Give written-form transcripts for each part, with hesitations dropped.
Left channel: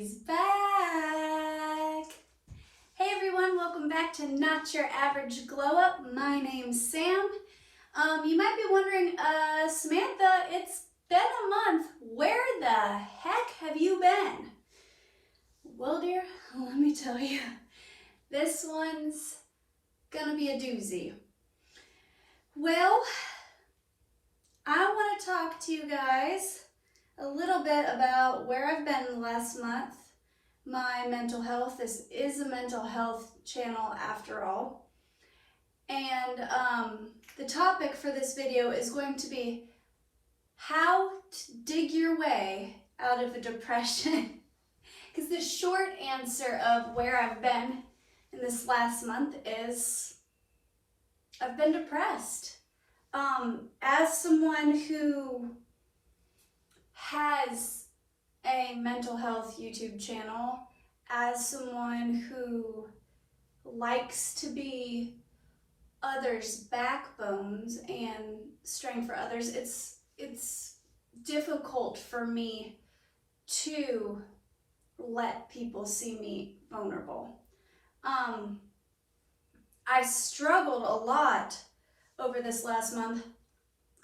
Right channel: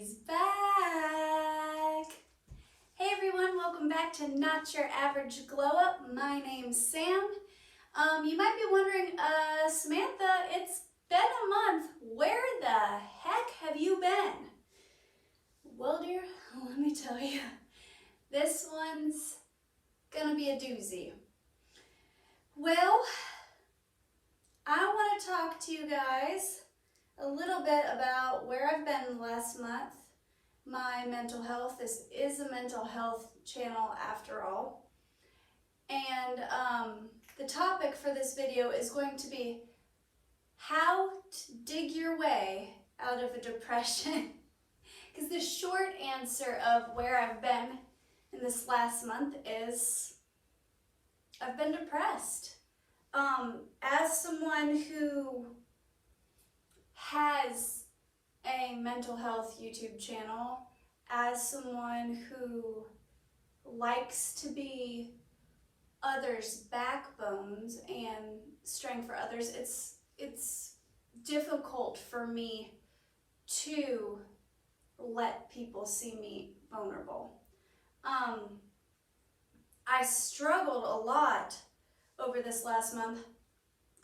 She's back! Hey everyone, welcome back to Not Your Average Glow Up. My name's Sam. You might be wondering, Samantha, it's been a month. Where the heck have you been? Well, dear, let me tell you, this one's gonna be a doozy. Well, I want to talk to you guys a little bit about where I've been the last month, my mental health. This is a mental health channel after all. And the topic for this video is going to be how to dig your way out of a depression. Because the short answer of where I've been in this last month is I've been depressed. As someone who has a mental health YouTube channel, as someone who likes to be others' backbones and strength for others, it's difficult for me to let people see me vulnerable. I struggled a lot over this last month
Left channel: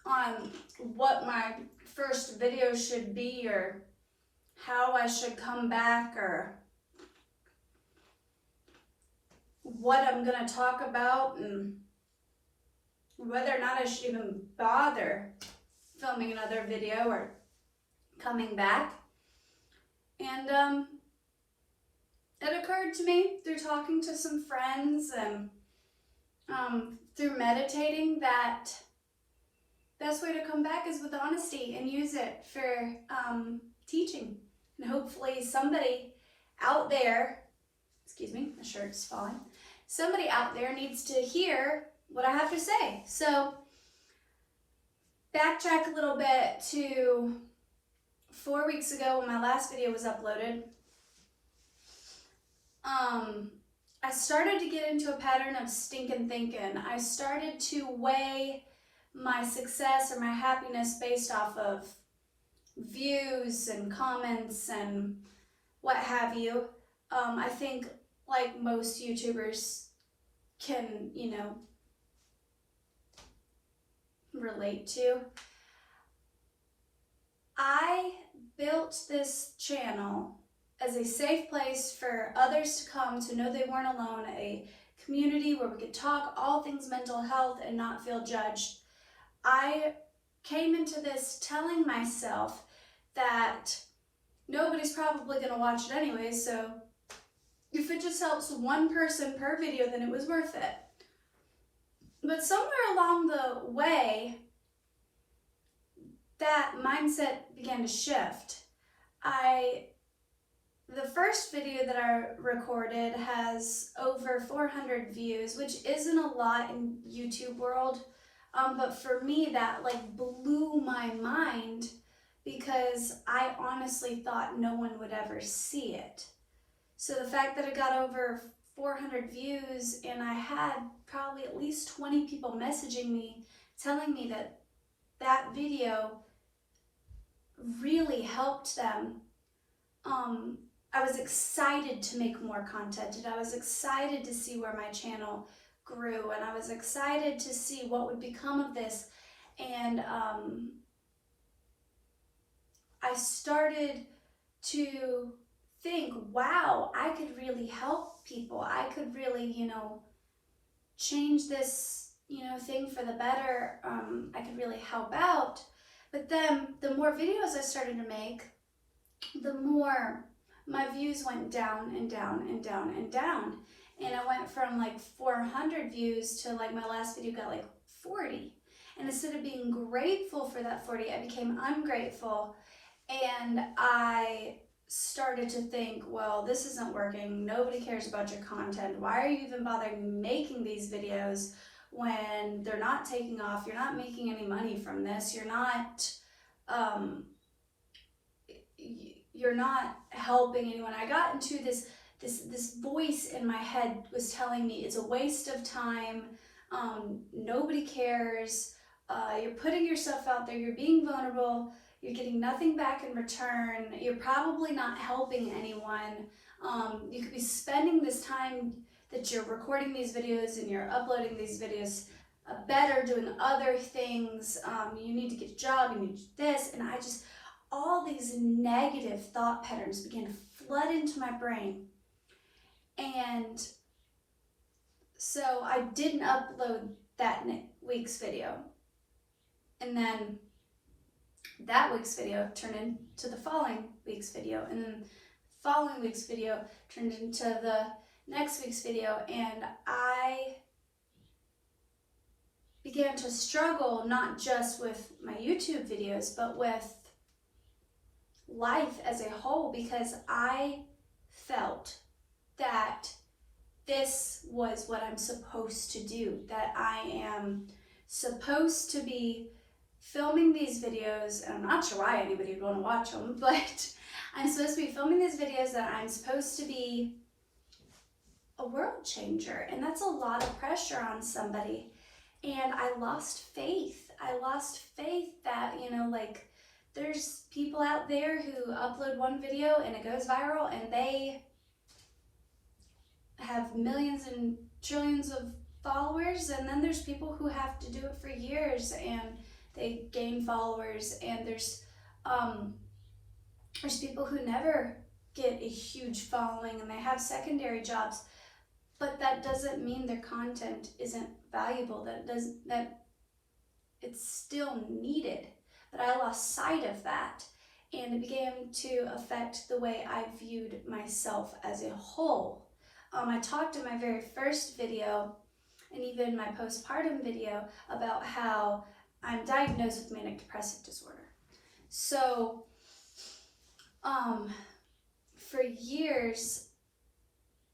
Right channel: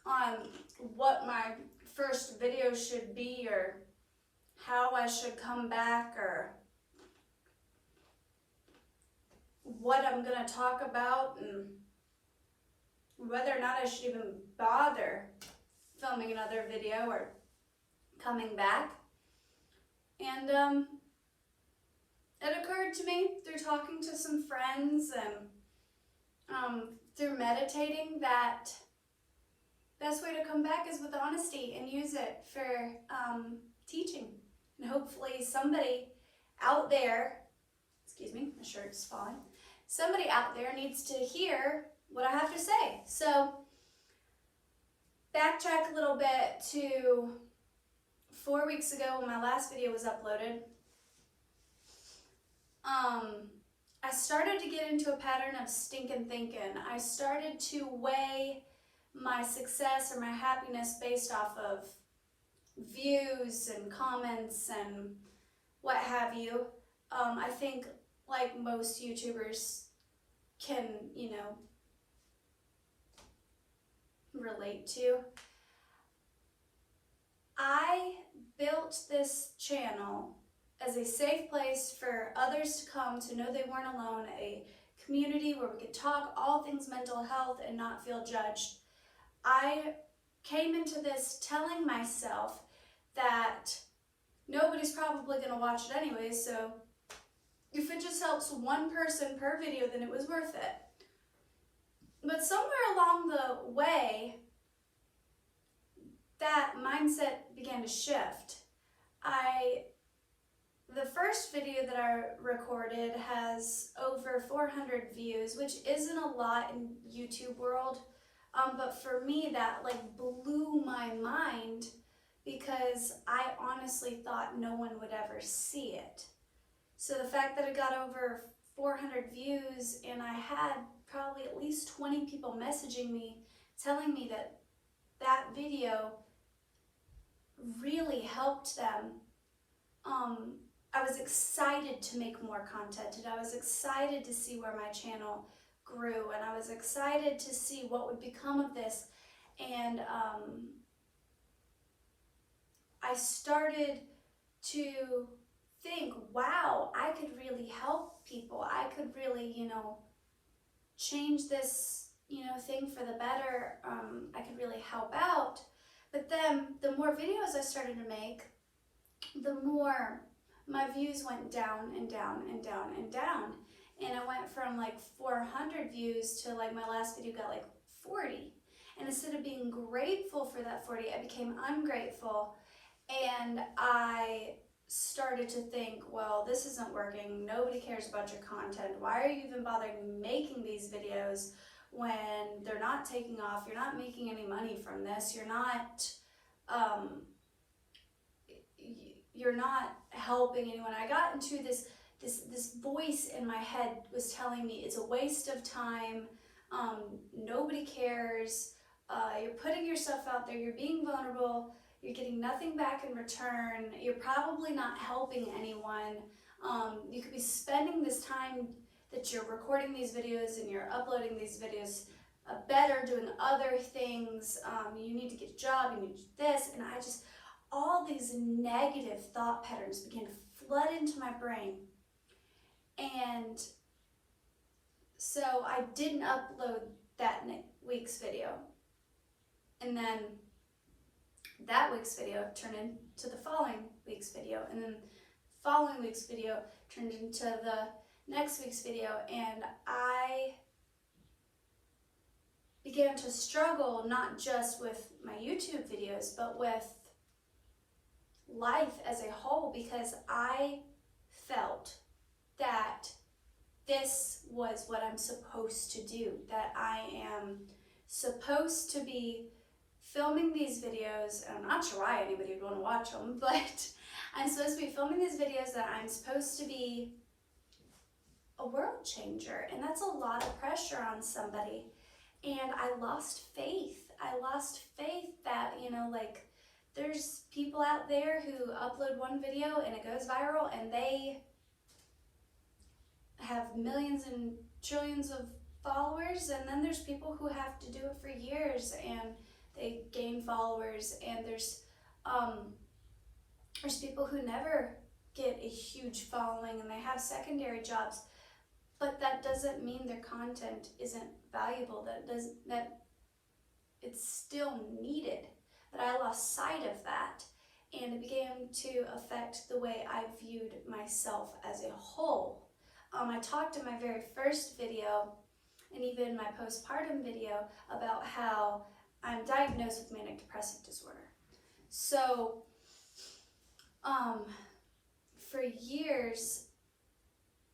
on what my first video should be, or how I should come back, or what I'm going to talk about, and whether or not I should even bother filming another video or coming back. And it occurred to me through talking to some friends and through meditating that best way to come back is with honesty, and use it for teaching. And hopefully somebody out there, excuse me, my shirt's falling, somebody out there needs to hear what I have to say. So backtrack a little bit to 4 weeks ago when my last video was uploaded. I started to get into a pattern of stinking thinking. I started to weigh my success or my happiness based off of views and comments and what have you. I think, like most YouTubers can, relate to, I built this channel as a safe place for others to come to know they weren't alone, a community where we could talk all things mental health and not feel judged. I came into this telling myself that nobody's probably going to watch it anyway, so if it just helps one person per video, then it was worth it. But somewhere along the way, that mindset began to shift. The first video that I recorded has over 400 views, which isn't a lot in YouTube world. But for me, that blew my mind, because I honestly thought no one would ever see it. So the fact that it got over 400 views, and I had probably at least 20 people messaging me, telling me that that video really helped them. I was excited to make more content, and I was excited to see where my channel grew, and I was excited to see what would become of this. And I started to think, wow, I could really help people. I could really, change this, thing for the better. I could really help out. But then the more videos I started to make, the more my views went down and down and down and down. And I went from 400 views to my last video got 40. And instead of being grateful for that 40, I became ungrateful. And I started to think, well, this isn't working. Nobody cares about your content. Why are you even bothering making these videos when they're not taking off? You're not making any money from this. You're not helping anyone. I got into this voice in my head was telling me it's a waste of time. Nobody cares. You're putting yourself out there. You're being vulnerable. You're getting nothing back in return. You're probably not helping anyone. You could be spending this time that you're recording these videos and you're uploading these videos better doing other things. You need to get a job, you need to do this, and all these negative thought patterns began to flood into my brain. And so I didn't upload that week's video. And then that week's video turned into the following week's video. And then the following week's video turned into the next week's video. And I began to struggle not just with my YouTube videos, but with life as a whole, because I felt that this was what I'm supposed to do, that I am supposed to be filming these videos, and I'm not sure why anybody would want to watch them, but I'm supposed to be filming these videos, that I'm supposed to be a world changer, and that's a lot of pressure on somebody. And I lost faith. I lost faith that, like, there's people out there who upload one video and it goes viral and they have millions and trillions of followers, and then there's people who have to do it for years and they gain followers, and there's people who never get a huge following and they have secondary jobs, but that doesn't mean their content isn't valuable, that it's still needed. But I lost sight of that, and it began to affect the way I viewed myself as a whole. I talked in my very first video, and even my postpartum video, about how I'm diagnosed with manic depressive disorder. So, for years,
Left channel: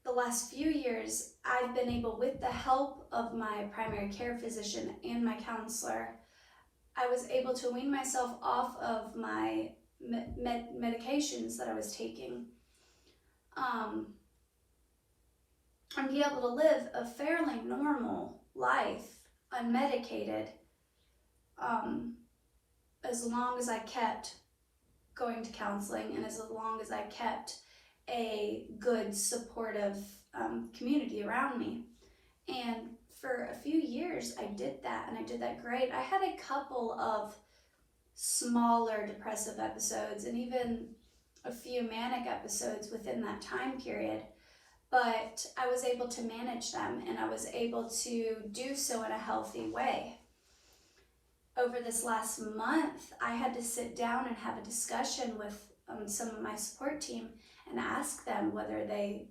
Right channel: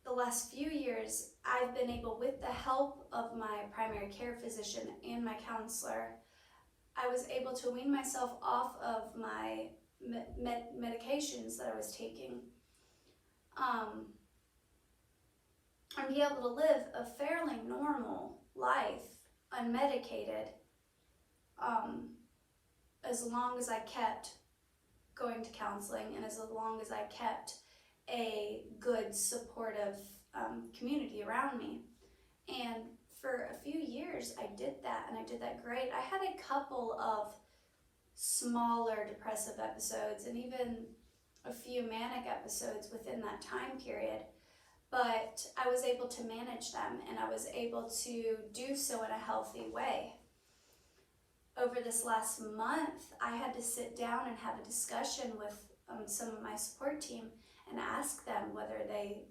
the last few years, I've been able, with the help of my primary care physician and my counselor, I was able to wean myself off of my medications that I was taking, and be able to live a fairly normal life, unmedicated, as long as I kept going to counseling and as long as I kept a good, supportive community around me. And for a few years I did that, and I did that great. I had a couple of smaller depressive episodes and even a few manic episodes within that time period, but I was able to manage them, and I was able to do so in a healthy way. Over this last month, I had to sit down and have a discussion with some of my support team and ask them whether they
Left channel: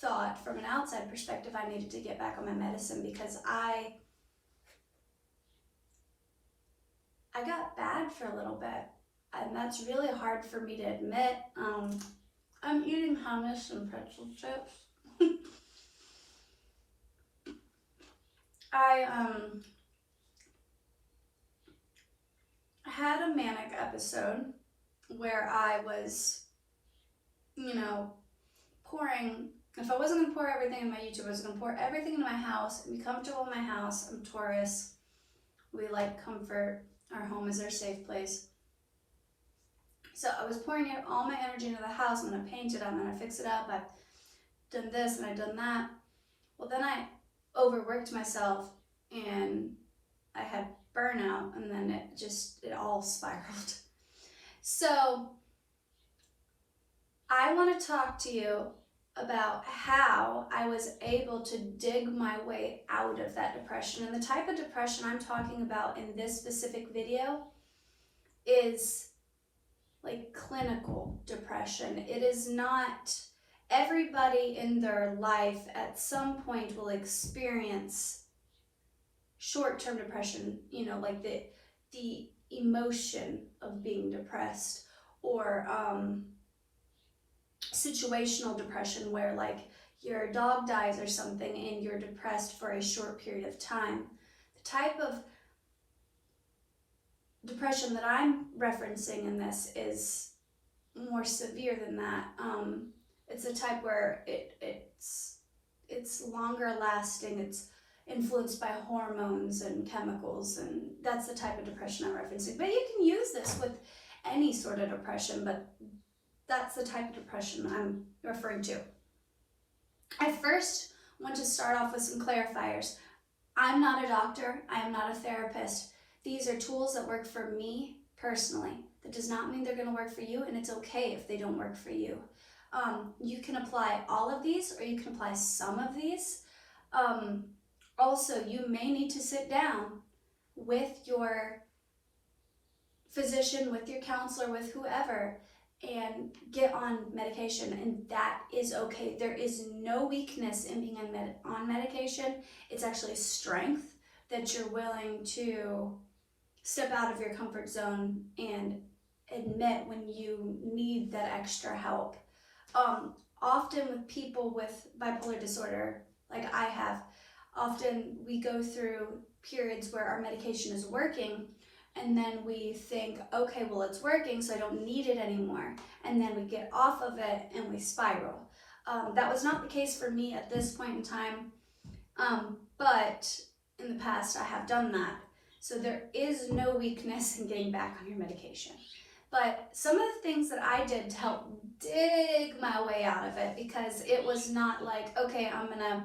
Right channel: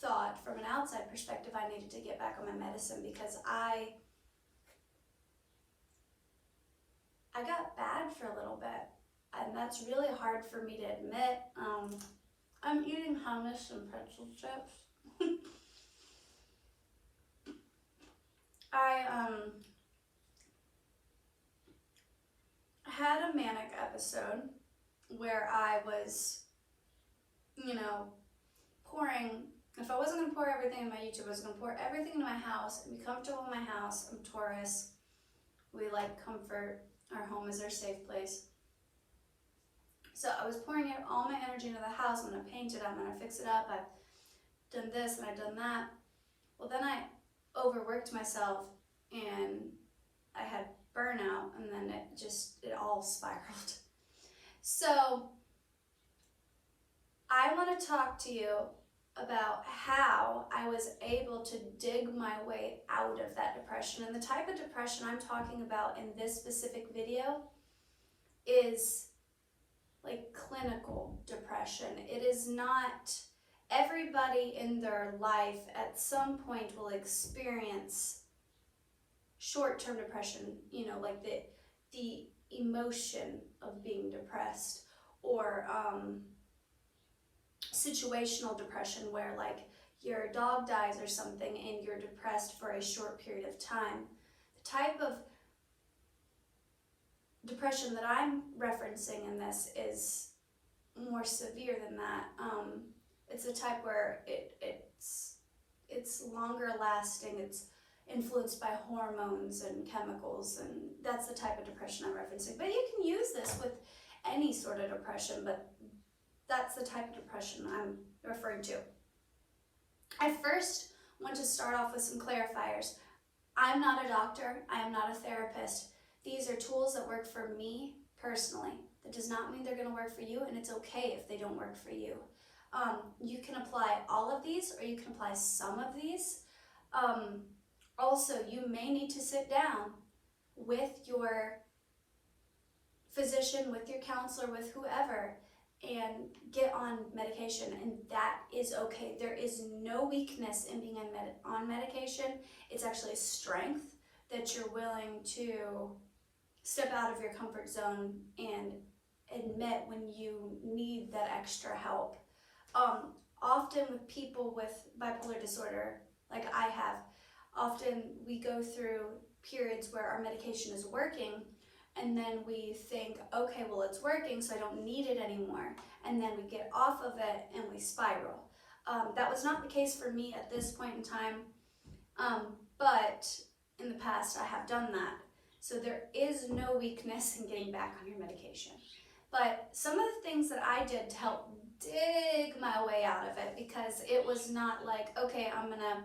thought, from an outside perspective, I needed to get back on my medicine, because I got bad for a little bit, and that's really hard for me to admit. I'm eating hummus and pretzel chips. I had a manic episode where I was, pouring. If I wasn't going to pour everything in my YouTube, I was going to pour everything into my house and be comfortable in my house. I'm Taurus. We like comfort. Our home is our safe place. So I was pouring all my energy into the house. I'm going to paint it. I'm going to fix it up. I've done this and I've done that. Well, then I overworked myself and I had burnout, and then it all spiraled. So I want to talk to you about how I was able to dig my way out of that depression. And the type of depression I'm talking about in this specific video is like clinical depression. It is not, everybody in their life at some point will experience short-term depression, like the emotion of being depressed, or situational depression, where like your dog dies or something and you're depressed for a short period of time. The type of depression that I'm referencing in this is more severe than that. It's a type where it's longer lasting, influenced by hormones and chemicals, and that's the type of depression I'm referencing. But you can use this with any sort of depression, but that's the type of depression I'm referring to. I first want to start off with some clarifiers. I'm not a doctor, I am not a therapist. These are tools that work for me personally. That does not mean they're going to work for you, and it's okay if they don't work for you. You can apply all of these, or you can apply some of these. Also, you may need to sit down with your physician, with your counselor, with whoever, and get on medication, and that is okay. There is no weakness in being on medication. It's actually strength that you're willing to step out of your comfort zone and admit when you need that extra help. Often with people with bipolar disorder, like I have, often we go through periods where our medication is working, and then we think, okay, well, it's working, so I don't need it anymore. And then we get off of it and we spiral. That was not the case for me at this point in time, but in the past I have done that. So there is no weakness in getting back on your medication. But some of the things that I did to help dig my way out of it, because it was not like, okay, I'm gonna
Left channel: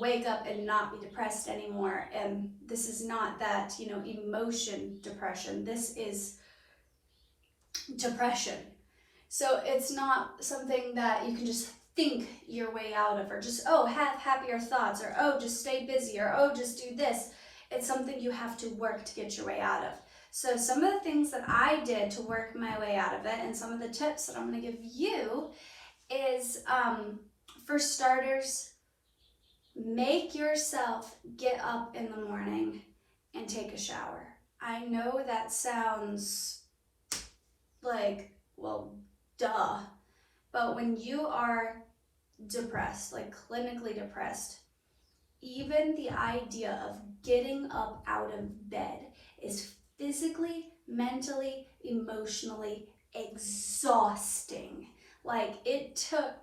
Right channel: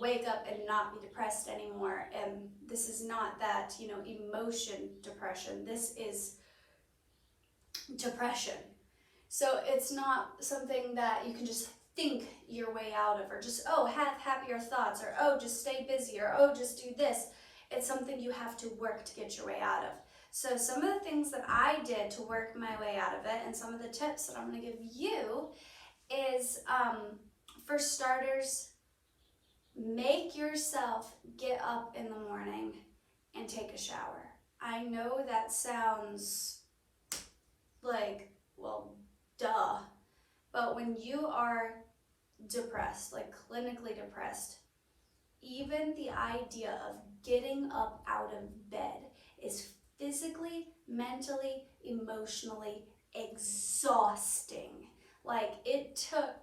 wake up and not be depressed anymore. And this is not that, emotion depression. This is depression. So it's not something that you can just think your way out of, or just, have happier thoughts, or, just stay busy, or, just do this. It's something you have to work to get your way out of. So some of the things that I did to work my way out of it, and some of the tips that I'm going to give you is, for starters, make yourself get up in the morning and take a shower. I know that sounds like, well, duh. But when you are depressed, like clinically depressed, even the idea of getting up out of bed is physically, mentally, emotionally exhausting. Like, it took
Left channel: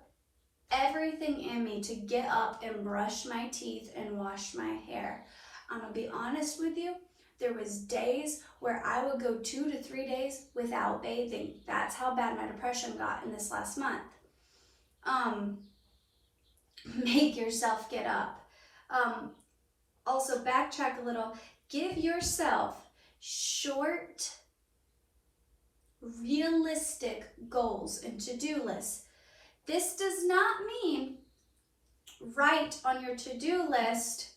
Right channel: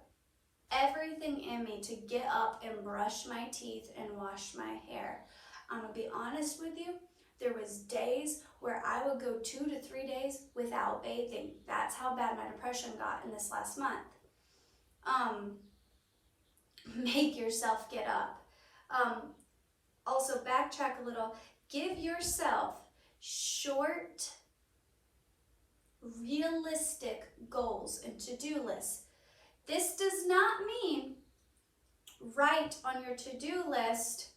everything in me to get up and brush my teeth and wash my hair. I'm gonna be honest with you, there was days where I would go 2 to 3 days without bathing. That's how bad my depression got in this last month. Make yourself get up. Also, backtrack a little. Give yourself short, realistic goals and to-do lists. This does not mean write on your to-do list,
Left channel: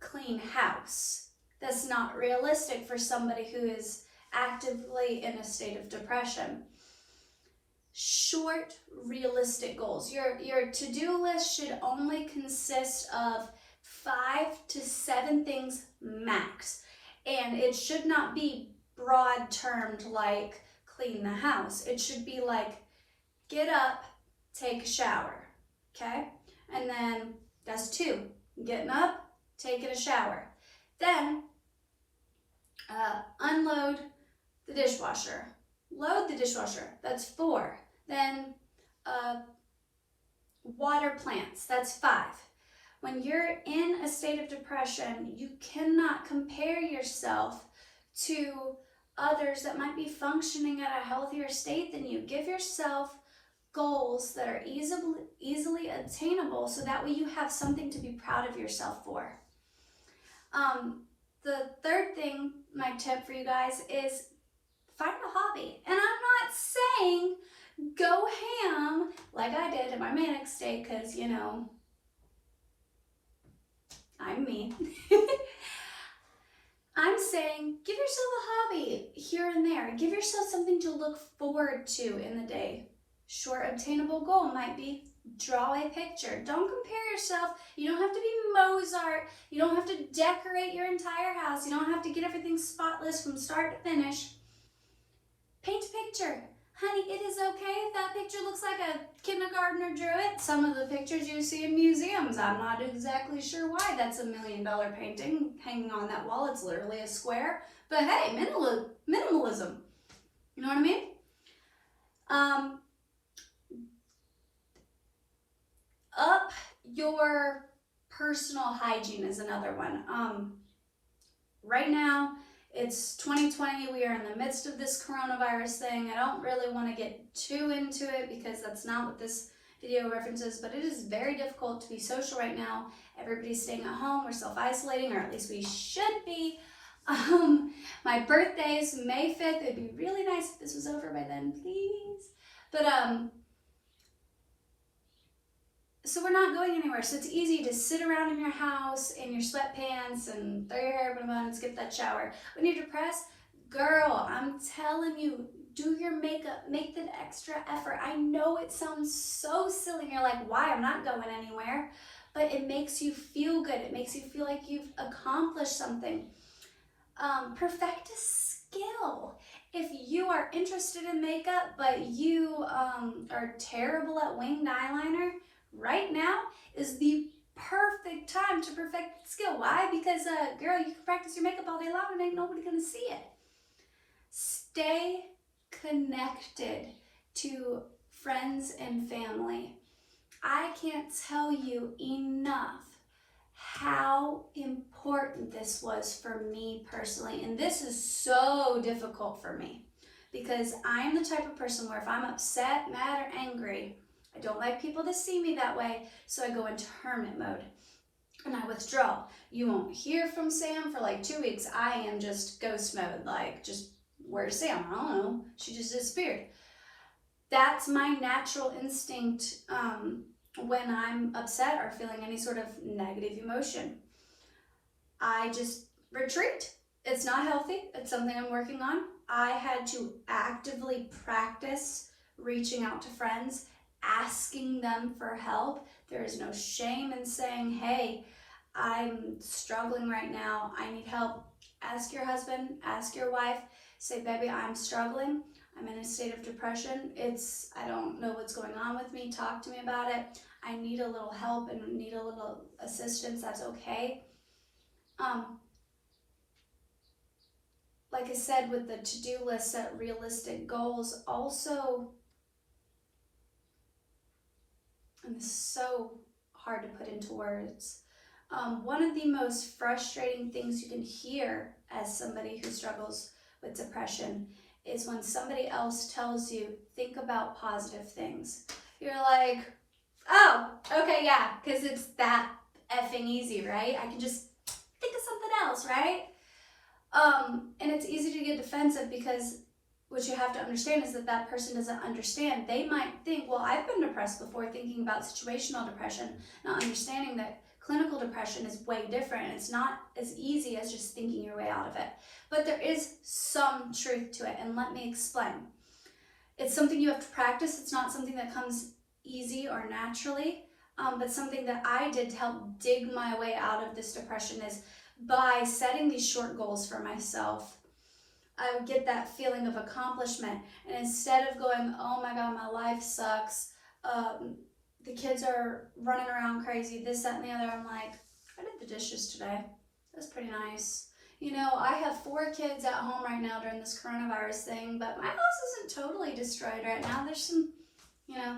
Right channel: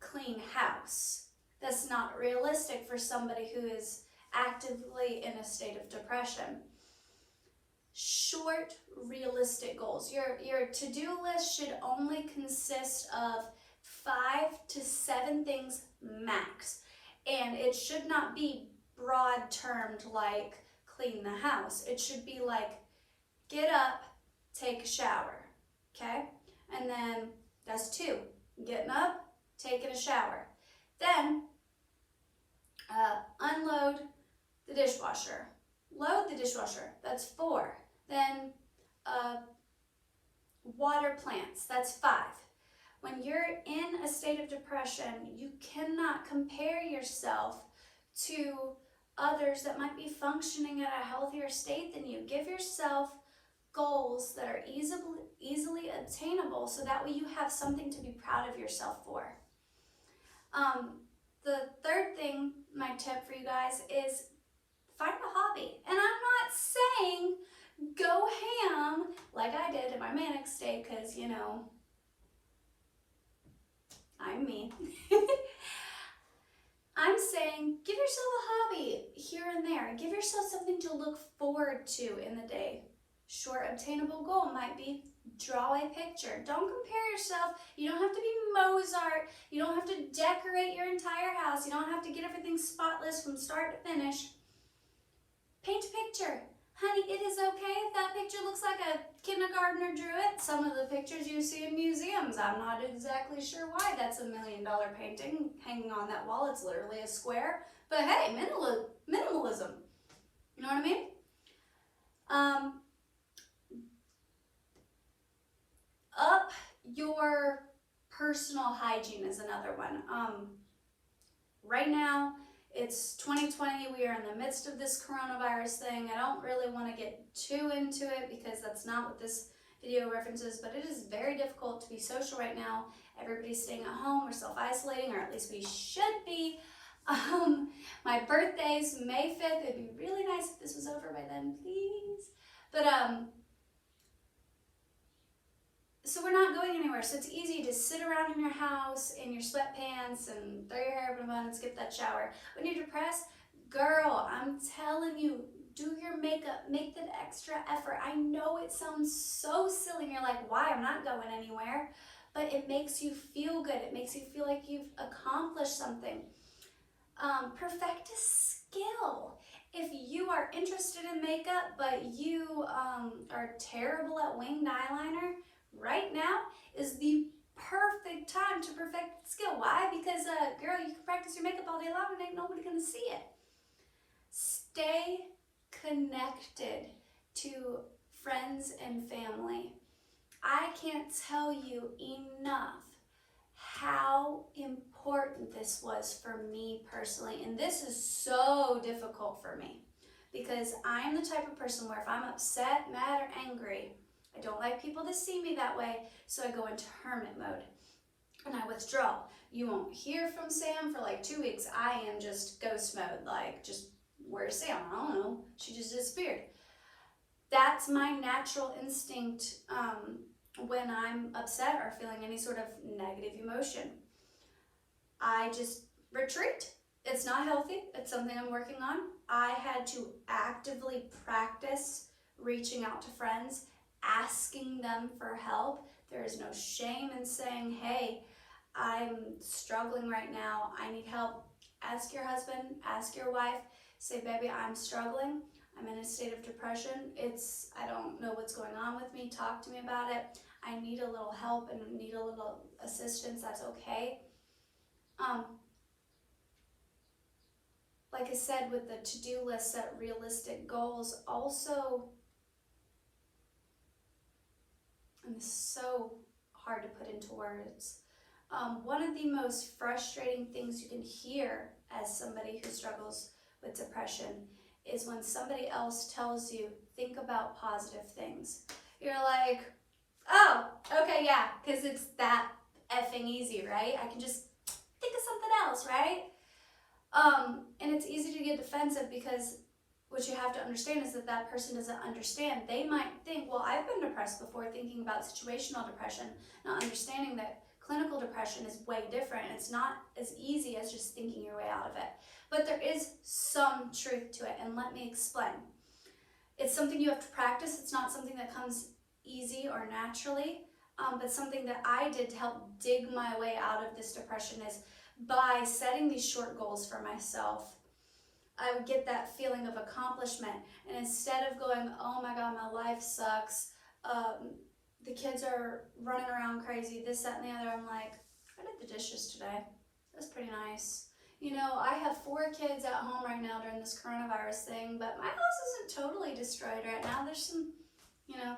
clean house. That's not realistic for somebody who is actively in a state of depression. Short, realistic goals. Your to-do list should only consist of 5 to 7 things max. And it should not be broad termed like clean the house. It should be like get up, take a shower, okay? And then that's 2. Getting up, taking a shower. Then unload the dishwasher. Load the dishwasher. That's 4. Then water plants. That's 5. When you're in a state of depression, you cannot compare yourself to others that might be functioning at a healthier state than you. Give yourself goals that are easily attainable, so that way you have something to be proud of yourself for. The third thing, my tip for you guys, is find a hobby. And I'm not saying go ham like I did in my manic state, because, I'm me. I'm saying give yourself a hobby here and there. Give yourself something to look forward to in the day. Short, obtainable goal might be draw a picture. Don't compare yourself. You don't have to be Mozart. You don't have to decorate your entire house. You don't have to get everything spotless from start to finish. Paint a picture. Honey, it is okay if that picture looks like a kindergartner drew it. Some of the pictures you see in museums, I'm not exactly sure why that's a $1 million painting hanging on that wall. It's literally a square. But hey, minimalism. You know what I mean? Up your personal hygiene is another one. Right now, it's 2020. We are in the midst of this coronavirus thing. I don't really want to get too into it because that's not what this video references, but it is very difficult to be social right now. Everybody's staying at home. We're self-isolating, or at least we should be. My birthday is May 5th. It'd be really nice if this was over by then, please. But, so we're not going anywhere. So it's easy to sit around in your house in your sweatpants and throw your hair up in a bun and skip that shower. When you're depressed, girl, I'm telling you, do your makeup, make the extra effort. I know it sounds so silly and you're like, why? I'm not going anywhere. But it makes you feel good. It makes you feel like you've accomplished something. Perfect a skill. If you are interested in makeup, but you are terrible at winged eyeliner, right now is the perfect time to perfect the skill. Why? Because, girl, you can practice your makeup all day long and ain't nobody gonna see it. Stay connected to friends and family. I can't tell you enough how important this was for me personally. And this is so difficult for me because I'm the type of person where if I'm upset, mad, or angry, I don't like people to see me that way, so I go into hermit mode and I withdraw. You won't hear from Sam for like 2 weeks. I am just ghost mode, like just, where's Sam? I don't know. She just disappeared. That's my natural instinct when I'm upset or feeling any sort of negative emotion. I just retreat. It's not healthy. It's something I'm working on. I had to actively practice reaching out to friends, asking them for help. There is no shame in saying, hey, I'm struggling right now. I need help. Ask your husband, ask your wife, say, baby, I'm struggling. I'm in a state of depression. I don't know what's going on with me. Talk to me about it. I need a little help and need a little assistance. That's okay. Like I said, with the to-do list, set realistic goals. Also, and this is so hard to put into words. One of the most frustrating things you can hear as somebody who struggles with depression is when somebody else tells you, think about positive things. You're like, oh, okay, yeah, because it's that effing easy, right? I can just think of something else, right? And it's easy to get defensive because what you have to understand is that that person doesn't understand. They might think, well, I've been depressed before, thinking about situational depression, not understanding that clinical depression is way different and it's not as easy as just thinking your way out of it. But there is some truth to it, and let me explain. It's something you have to practice. It's not something that comes easy or naturally, but something that I did to help dig my way out of this depression is by setting these short goals for myself. I would get that feeling of accomplishment, and instead of going, oh my God, my life sucks, the kids are running around crazy, this, that, and the other, I'm like, I did the dishes today. That's pretty nice. You know, I have 4 kids at home right now during this coronavirus thing, but my house isn't totally destroyed right now. There's some, you know,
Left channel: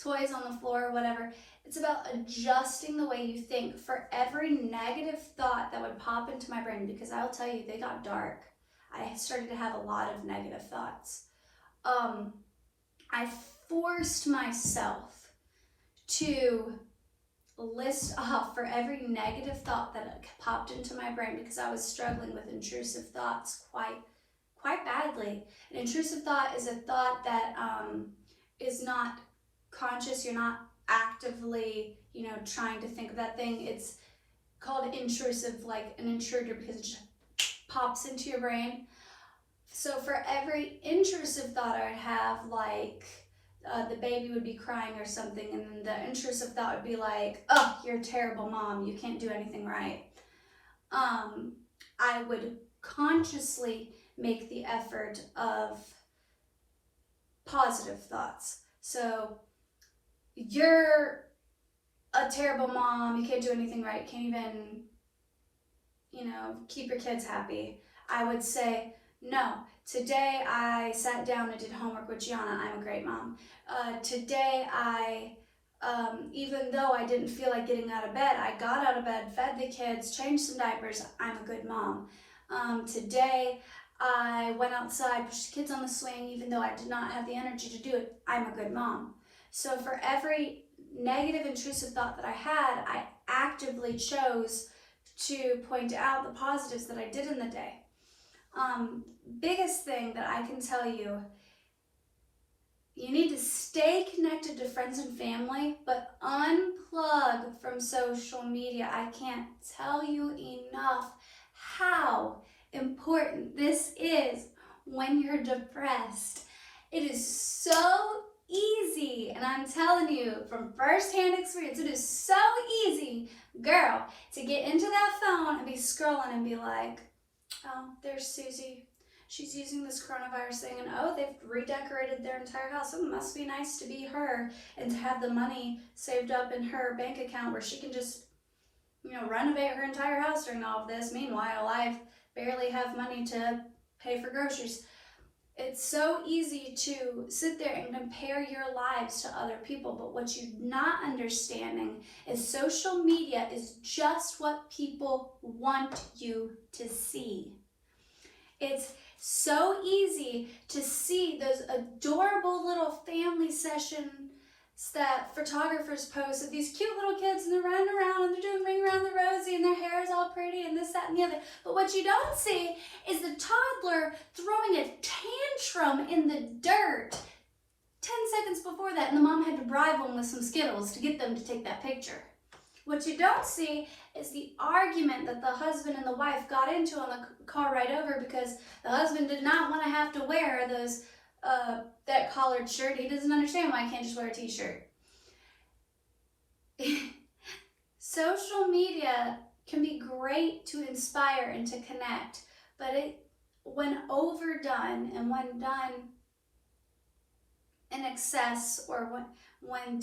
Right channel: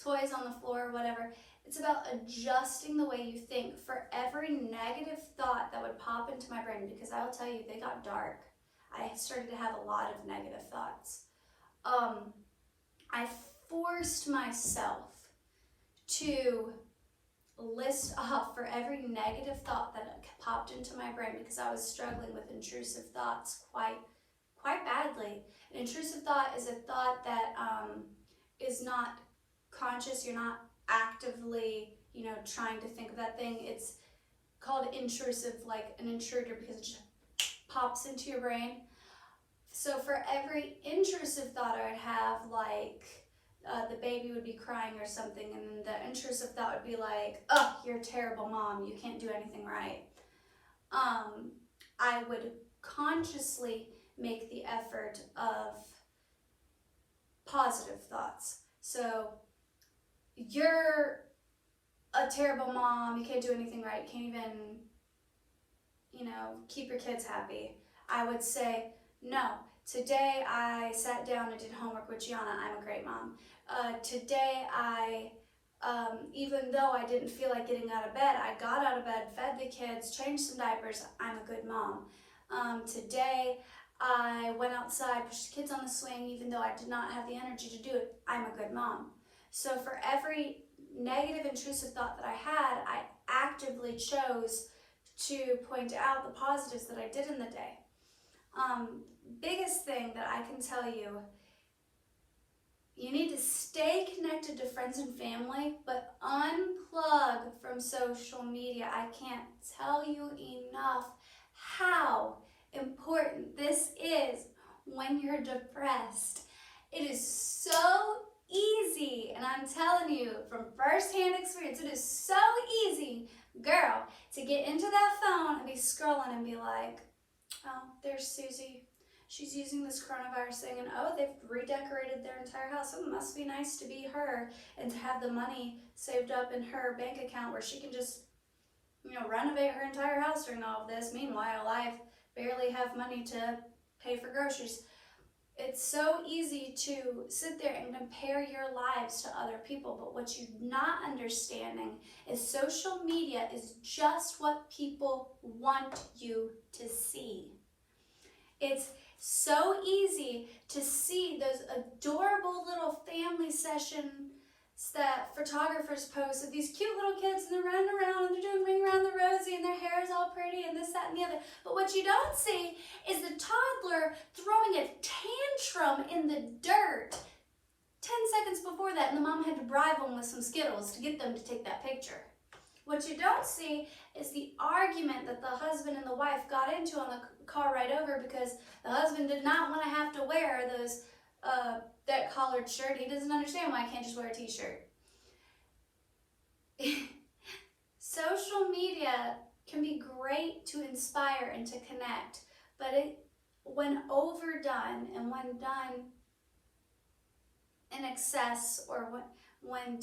toys on the floor or whatever. It's about adjusting the way you think. For every negative thought that would pop into my brain, because I'll tell you, they got dark. I started to have a lot of negative thoughts. I forced myself to list off for every negative thought that popped into my brain, because I was struggling with intrusive thoughts quite badly. An intrusive thought is a thought that is not conscious. You're not actively, you know, trying to think of that thing. It's called intrusive, like an intruder, because it just pops into your brain. So for every intrusive thought I would have, like the baby would be crying or something, and then the intrusive thought would be like, oh, you're a terrible mom, you can't do anything right. I would consciously make the effort of positive thoughts. So, you're a terrible mom, you can't do anything right, can't even, you know, keep your kids happy. I would say, no, today I sat down and did homework with Gianna, I'm a great mom. Today I Even though I didn't feel like getting out of bed, I got out of bed, fed the kids, changed some diapers. I'm a good mom. Today, I went outside, pushed the kids on the swing, even though I did not have the energy to do it. I'm a good mom. So for every negative, intrusive thought that I had, I actively chose to point out the positives that I did in the day. Biggest thing that I can tell you, you need to stay connected to friends and family, but unplug from social media. I can't tell you enough how important this is when you're depressed. It is so easy, and I'm telling you from firsthand experience, it is so easy, girl, to get into that phone and be scrolling and be like, oh, there's Susie. She's using this coronavirus thing, and oh, they've redecorated their entire house. Oh, it must be nice to be her and to have the money saved up in her bank account where she can just, renovate her entire house during all of this. Meanwhile, I barely have money to pay for groceries. It's so easy to sit there and compare your lives to other people, but what you're not understanding is social media is just what people want you to see. It's so easy to see those adorable little family sessions that photographers post of these cute little kids, and they're running around and they're doing Ring Around the Rosie and their hair is all pretty and this, that, and the other. But what you don't see is the toddler throwing a tantrum in the dirt 10 seconds before that, and the mom had to bribe them with some Skittles to get them to take that picture. What you don't see is the argument that the husband and the wife got into on the car ride over because the husband did not want to have to wear those that collared shirt. He doesn't understand why I can't just wear a t-shirt. Social media can be great to inspire and to connect, but when overdone and when done in excess, or when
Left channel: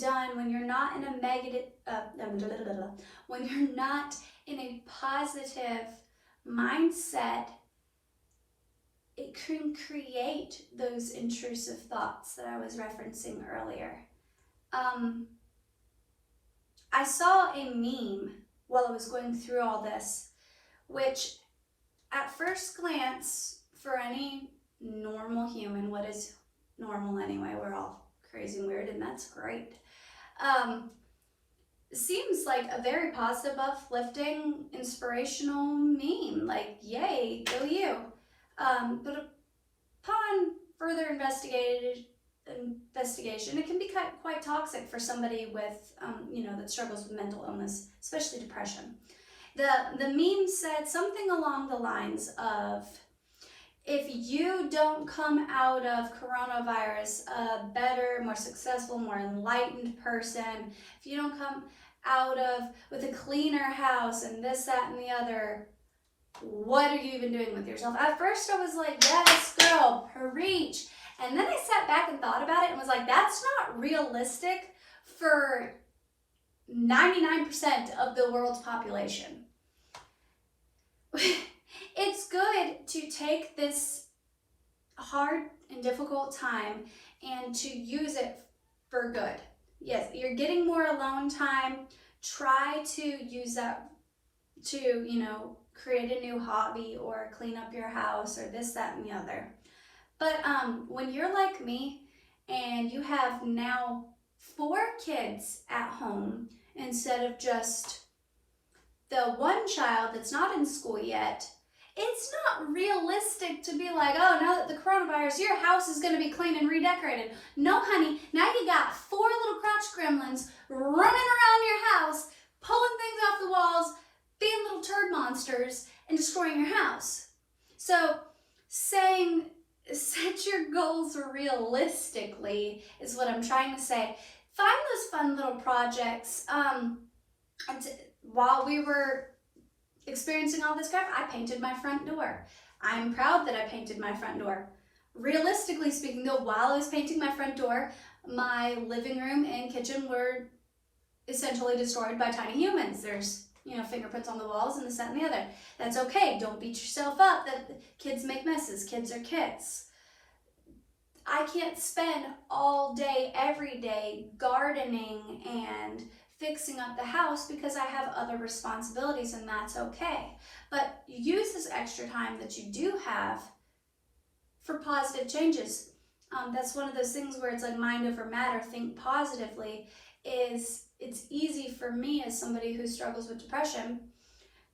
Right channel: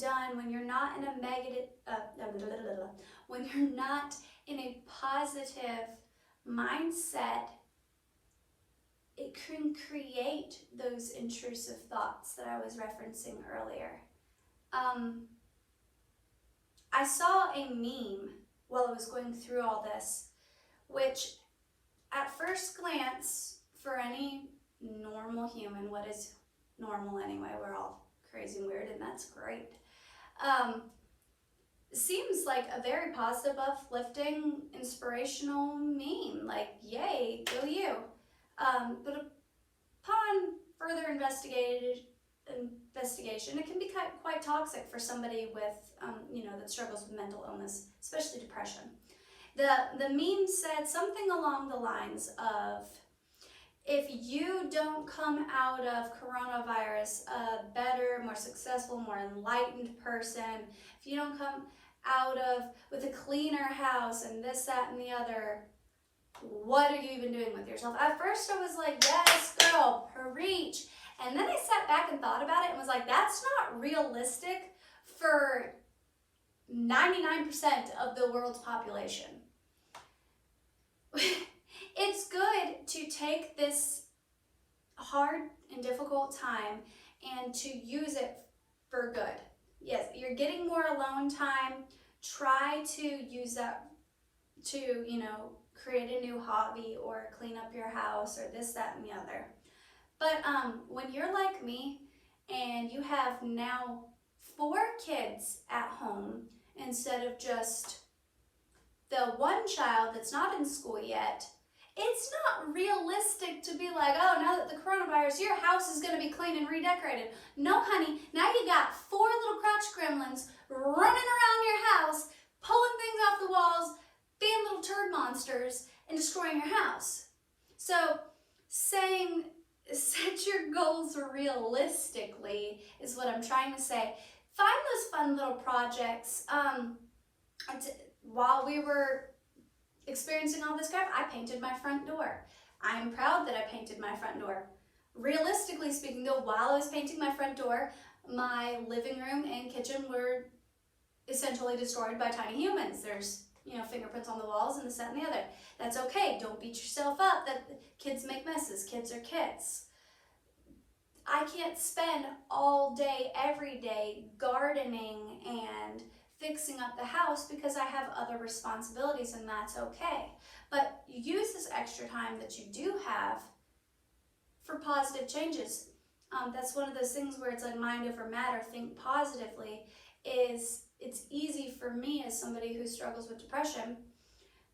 you're not in a negative, when you're not in a positive mindset, it can create those intrusive thoughts that I was referencing earlier. I saw a meme while I was going through all this, which at first glance, for any normal human, what is normal anyway? We're all crazy and weird, and that's great. Seems like a very positive, uplifting, inspirational meme. Like, yay, go you. But upon further investigation, it can be quite toxic for somebody with, that struggles with mental illness, especially depression. The meme said something along the lines of, if you don't come out of coronavirus a better, more successful, more enlightened person, if you don't come out of with a cleaner house and this, that, and the other, what are you even doing with yourself? At first I was like, yes, girl, preach. And then I sat back and thought about it and was like, that's not realistic for 99% of the world's population. It's good to take this hard and difficult time and to use it for good. Yes, you're getting more alone time. Try to use that to, create a new hobby or clean up your house or this, that, and the other. But when you're like me and you have now 4 kids at home instead of just the one child that's not in school yet, it's not realistic to be like, oh, now that the coronavirus, your house is going to be clean and redecorated. No, honey, now you got 4 little crotch gremlins running around your house, pulling things off the walls, being little turd monsters, and destroying your house. So saying set your goals realistically is what I'm trying to say. Find those fun little projects. While we were experiencing all this crap, I painted my front door. I'm proud that I painted my front door. Realistically speaking though, while I was painting my front door, my living room and kitchen were essentially destroyed by tiny humans. There's, fingerprints on the walls and this, that, and the other. That's okay. Don't beat yourself up that kids make messes. Kids are kids. I can't spend all day, every day gardening and fixing up the house because I have other responsibilities, and that's okay. But use this extra time that you do have for positive changes. That's one of those things where it's like mind over matter, think positively. It's easy for me as somebody who struggles with depression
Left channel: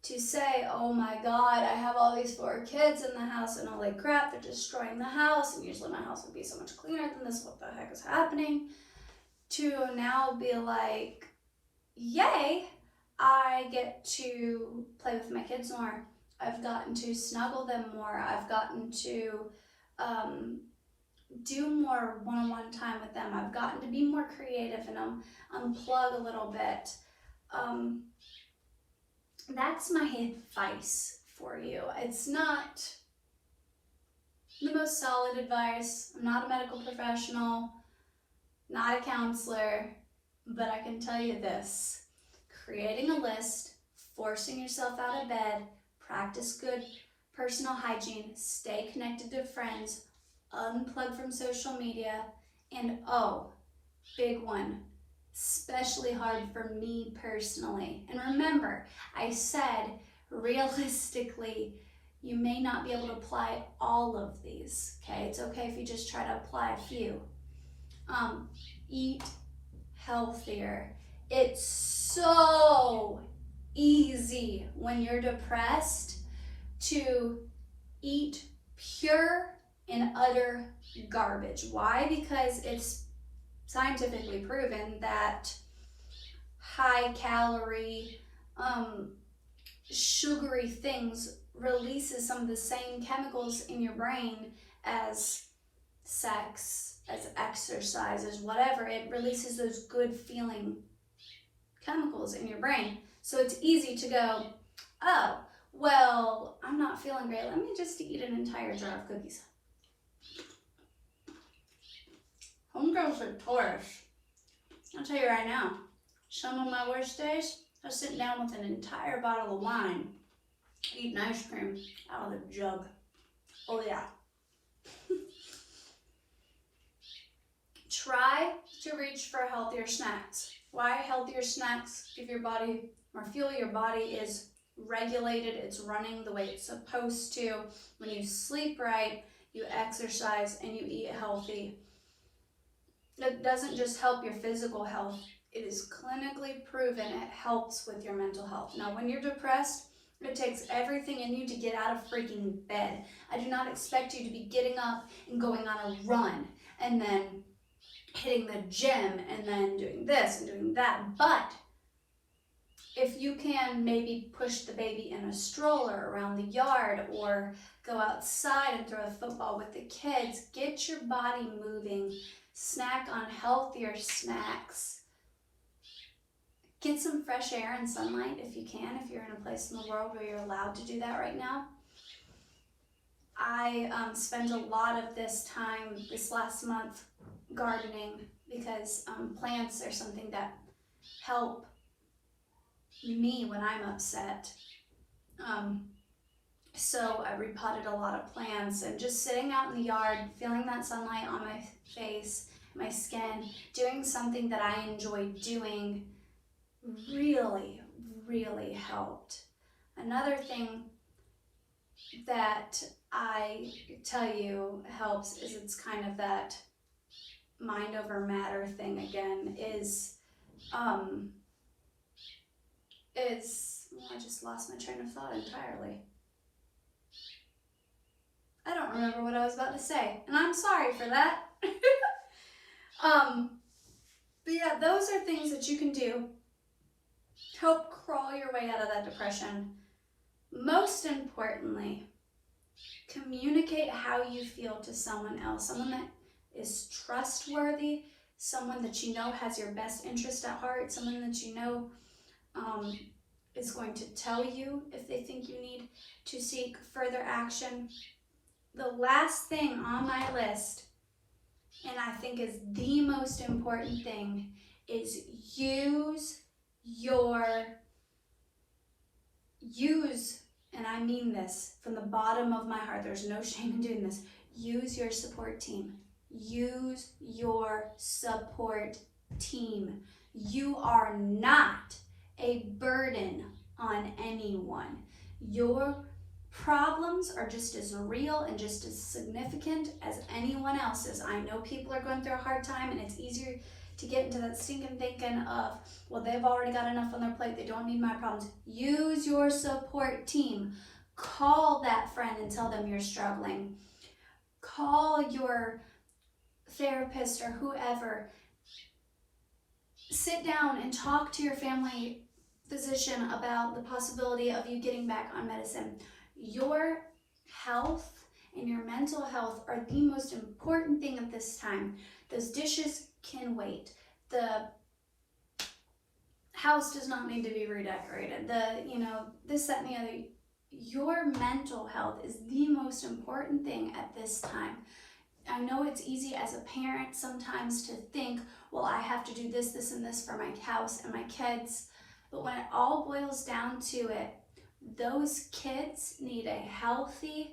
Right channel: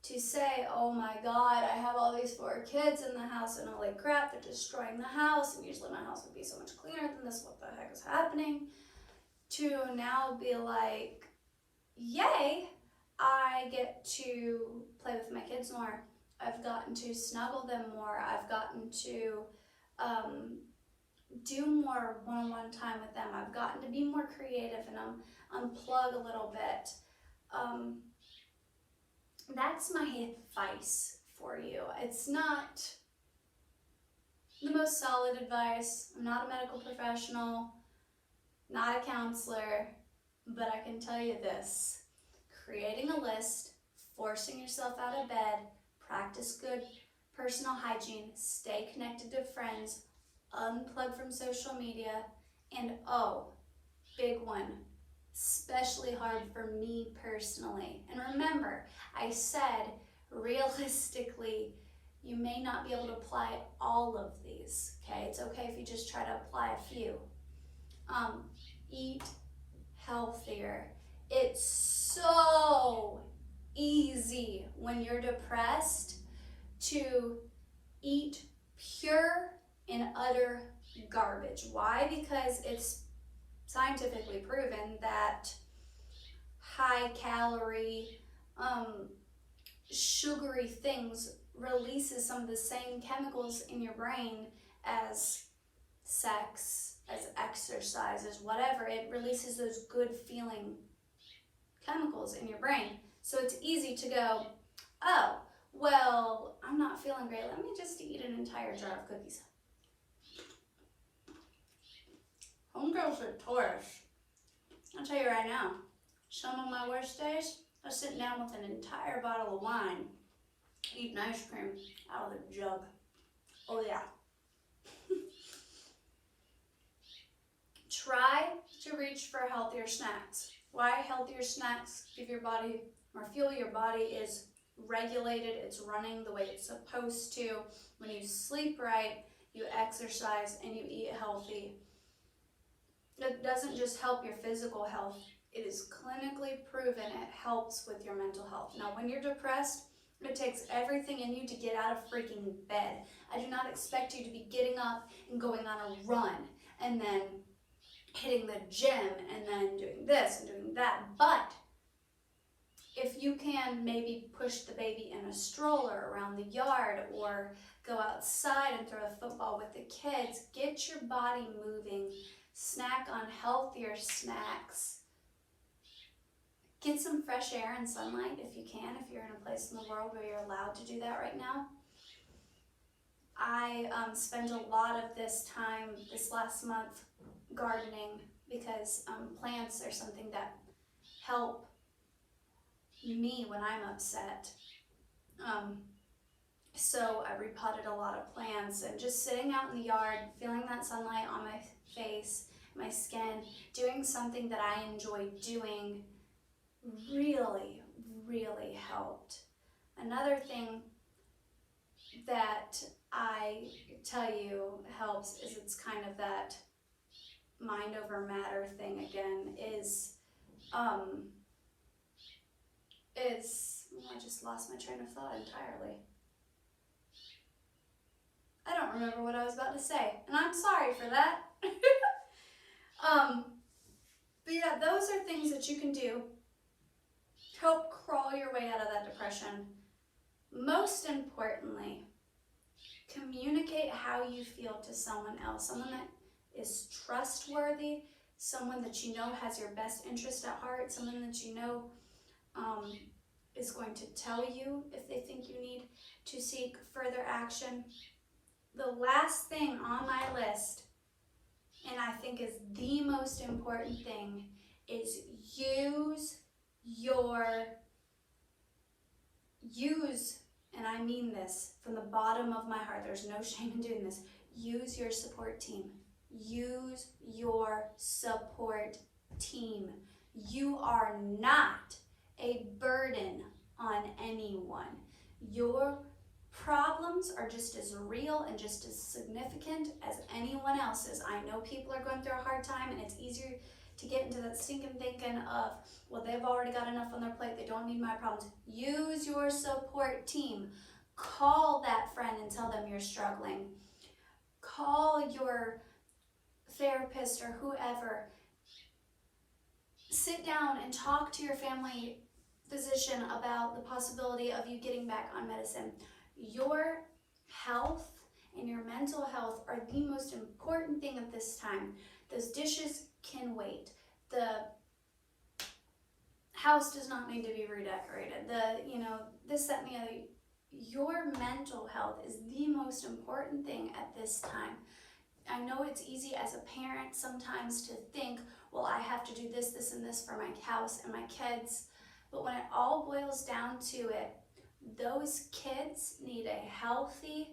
to say, oh my God, I have all these 4 kids in the house and holy crap, they're destroying the house, and usually my house would be so much cleaner than this, what the heck is happening? To now be like, yay, I get to play with my kids more. I've gotten to snuggle them more. I've gotten to do more one-on-one time with them. I've gotten to be more creative and unplug a little bit. That's my advice for you. It's not the most solid advice. I'm not a medical professional, not a counselor, but I can tell you this. Creating a list, forcing yourself out of bed, practice good personal hygiene, stay connected to friends, unplug from social media, and oh, big one, especially hard for me personally. And remember, I said realistically, you may not be able to apply all of these, okay? It's okay if you just try to apply a few. Eat healthier. It's so easy when you're depressed to eat pure and utter garbage. Why? Because it's scientifically proven that high calorie, sugary things releases some of the same chemicals in your brain as sex, as exercise, as whatever. It releases those good feeling chemicals in your brain. So it's easy to go, oh, well, I'm not feeling great. Let me just eat an entire jar of cookies. Homegirls are Taurus. I'll tell you right now, some of my worst days, I was sitting down with an entire bottle of wine, eating ice cream out of the jug. Oh yeah. Try to reach for healthier snacks. Why healthier snacks? Give your body more fuel. Your body is regulated. It's running the way it's supposed to. When you sleep right, you exercise, and you eat healthy. It doesn't just help your physical health. It is clinically proven it helps with your mental health. Now, when you're depressed, it takes everything in you to get out of freaking bed. I do not expect you to be getting up and going on a run and then hitting the gym and then doing this and doing that. But if you can maybe push the baby in a stroller around the yard or go outside and throw a football with the kids, get your body moving, snack on healthier snacks. Get some fresh air and sunlight if you can, if you're in a place in the world where you're allowed to do that right now. I spent a lot of this time this last month gardening because plants are something that help me when I'm upset. So I repotted a lot of plants and just sitting out in the yard, feeling that sunlight on my face, my skin, doing something that I enjoy doing really, really helped. Another thing that I tell you helps is it's kind of that mind over matter thing again I just lost my train of thought entirely. I don't remember what I was about to say, and I'm sorry for that. But yeah, those are things that you can do to help crawl your way out of that depression. Most importantly, communicate how you feel to someone else, someone that is trustworthy, someone that you know has your best interest at heart, someone that you know is going to tell you if they think you need to seek further action. The last thing on my list, and I think is the most important thing, is use, and I mean this from the bottom of my heart, there's no shame in doing this, use your support team. use your support team. You are not a burden on anyone. Your problems are just as real and just as significant as anyone else's. I know people are going through a hard time, and it's easier to get into that stinking thinking of, well, they've already got enough on their plate, they don't need my problems. Use your support team. Call that friend and tell them you're struggling. Call your therapist or whoever. Sit down and talk to your family physician about the possibility of you getting back on medicine. Your health and your mental health are the most important thing at this time. Those dishes can wait. The house does not need to be redecorated. This, that, and the other. Your mental health is the most important thing at this time. I know it's easy as a parent sometimes to think, well, I have to do this, this, and this for my house and my kids. But when it all boils down to it, those kids need a healthy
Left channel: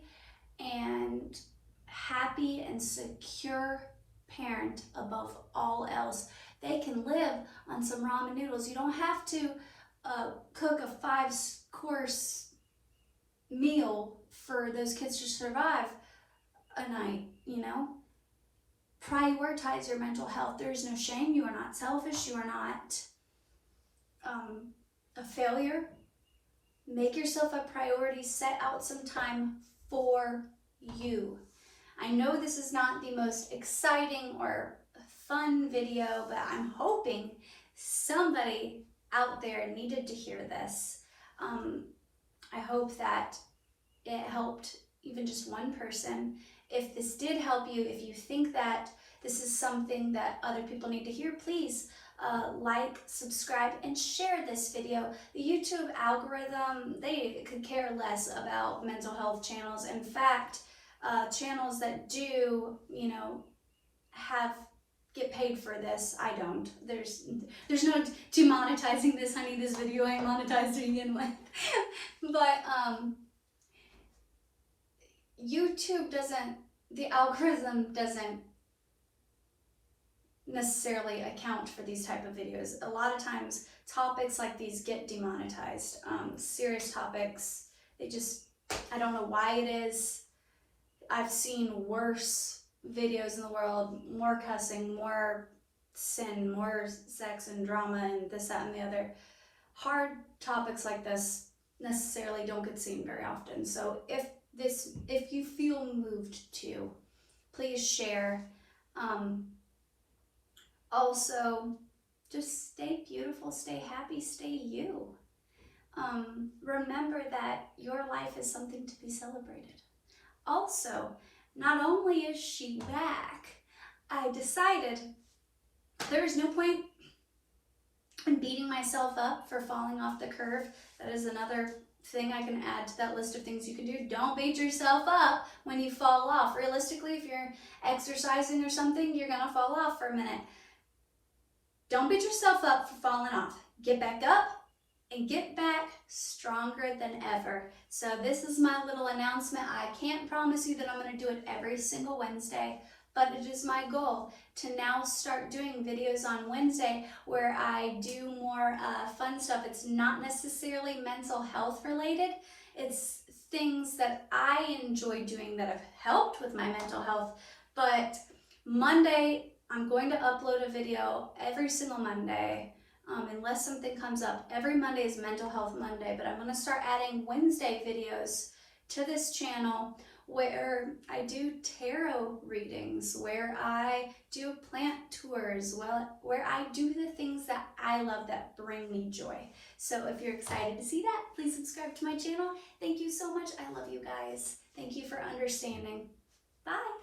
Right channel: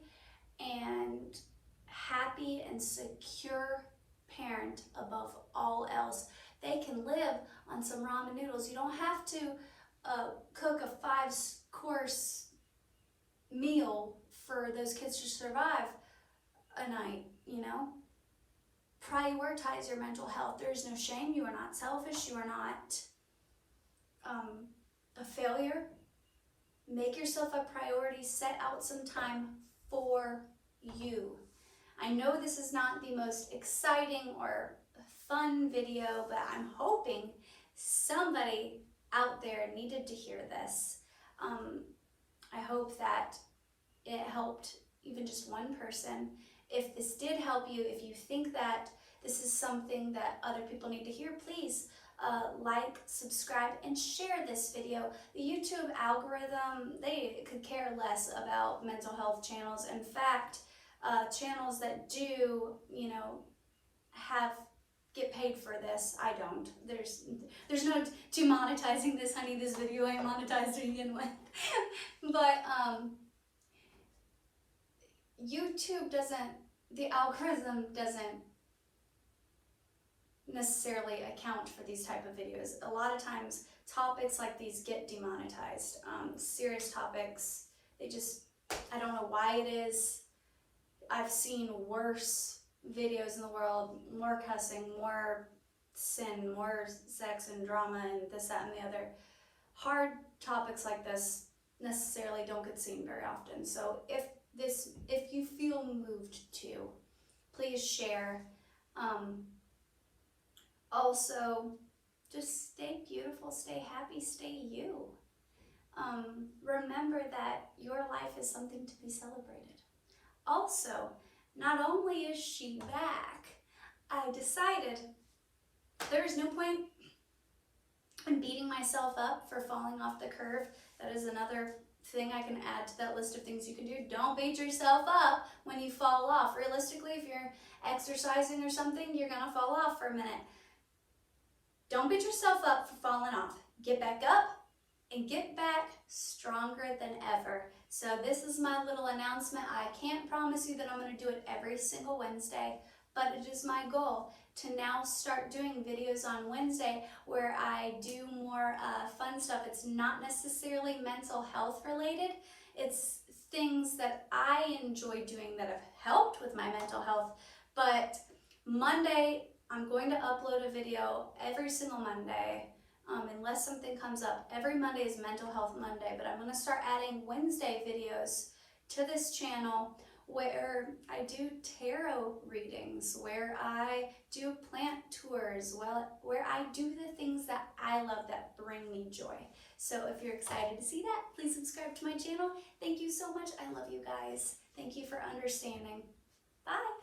and happy and secure parent above all else. They can live on some ramen noodles. You don't have to cook a 5-course meal for those kids to survive a night, Prioritize your mental health. There is no shame. You are not selfish. You are not a failure. Make yourself a priority. Set out some time for you. I know this is not the most exciting or fun video, but I'm hoping somebody out there needed to hear this. I hope that it helped even just one person. If this did help you, if you think that this is something that other people need to hear, please like, subscribe, and share this video. The YouTube algorithm, they could care less about mental health channels. In fact, channels that do, get paid for this, I don't. There's no demonetizing this, honey. This video ain't monetized to begin with. But YouTube the algorithm doesn't necessarily account for these type of videos. A lot of times topics like these get demonetized. Serious topics, I don't know why it is. I've seen worse videos in the world, more cussing, more sin, more sex and drama and this, that, and the other. Hard topics like this necessarily don't get seen very often. So if you feel moved to, please share. Also, just stay beautiful, stay happy, stay you. Remember that your life is something to be celebrated. Also, not only is she back, I decided there's no point in beating myself up for falling off the curve. That is another thing I can add to that list of things you can do. Don't beat yourself up when you fall off. Realistically, if you're exercising or something, you're gonna fall off for a minute. Don't beat yourself up for falling off. Get back up and get back stronger than ever. So this is my little announcement. I can't promise you that I'm going to do it every single Wednesday, but it is my goal to now start doing videos on Wednesday where I do more fun stuff. It's not necessarily mental health related. It's things that I enjoy doing that have helped with my mental health. But Monday, I'm going to upload a video every single Monday. Unless something comes up. Every Monday is Mental Health Monday, but I'm going to start adding Wednesday videos to this channel where I do tarot readings, where I do plant tours, where I do the things that I love that bring me joy. So if you're excited to see that, please subscribe to my channel. Thank you so much. I love you guys. Thank you for understanding. Bye.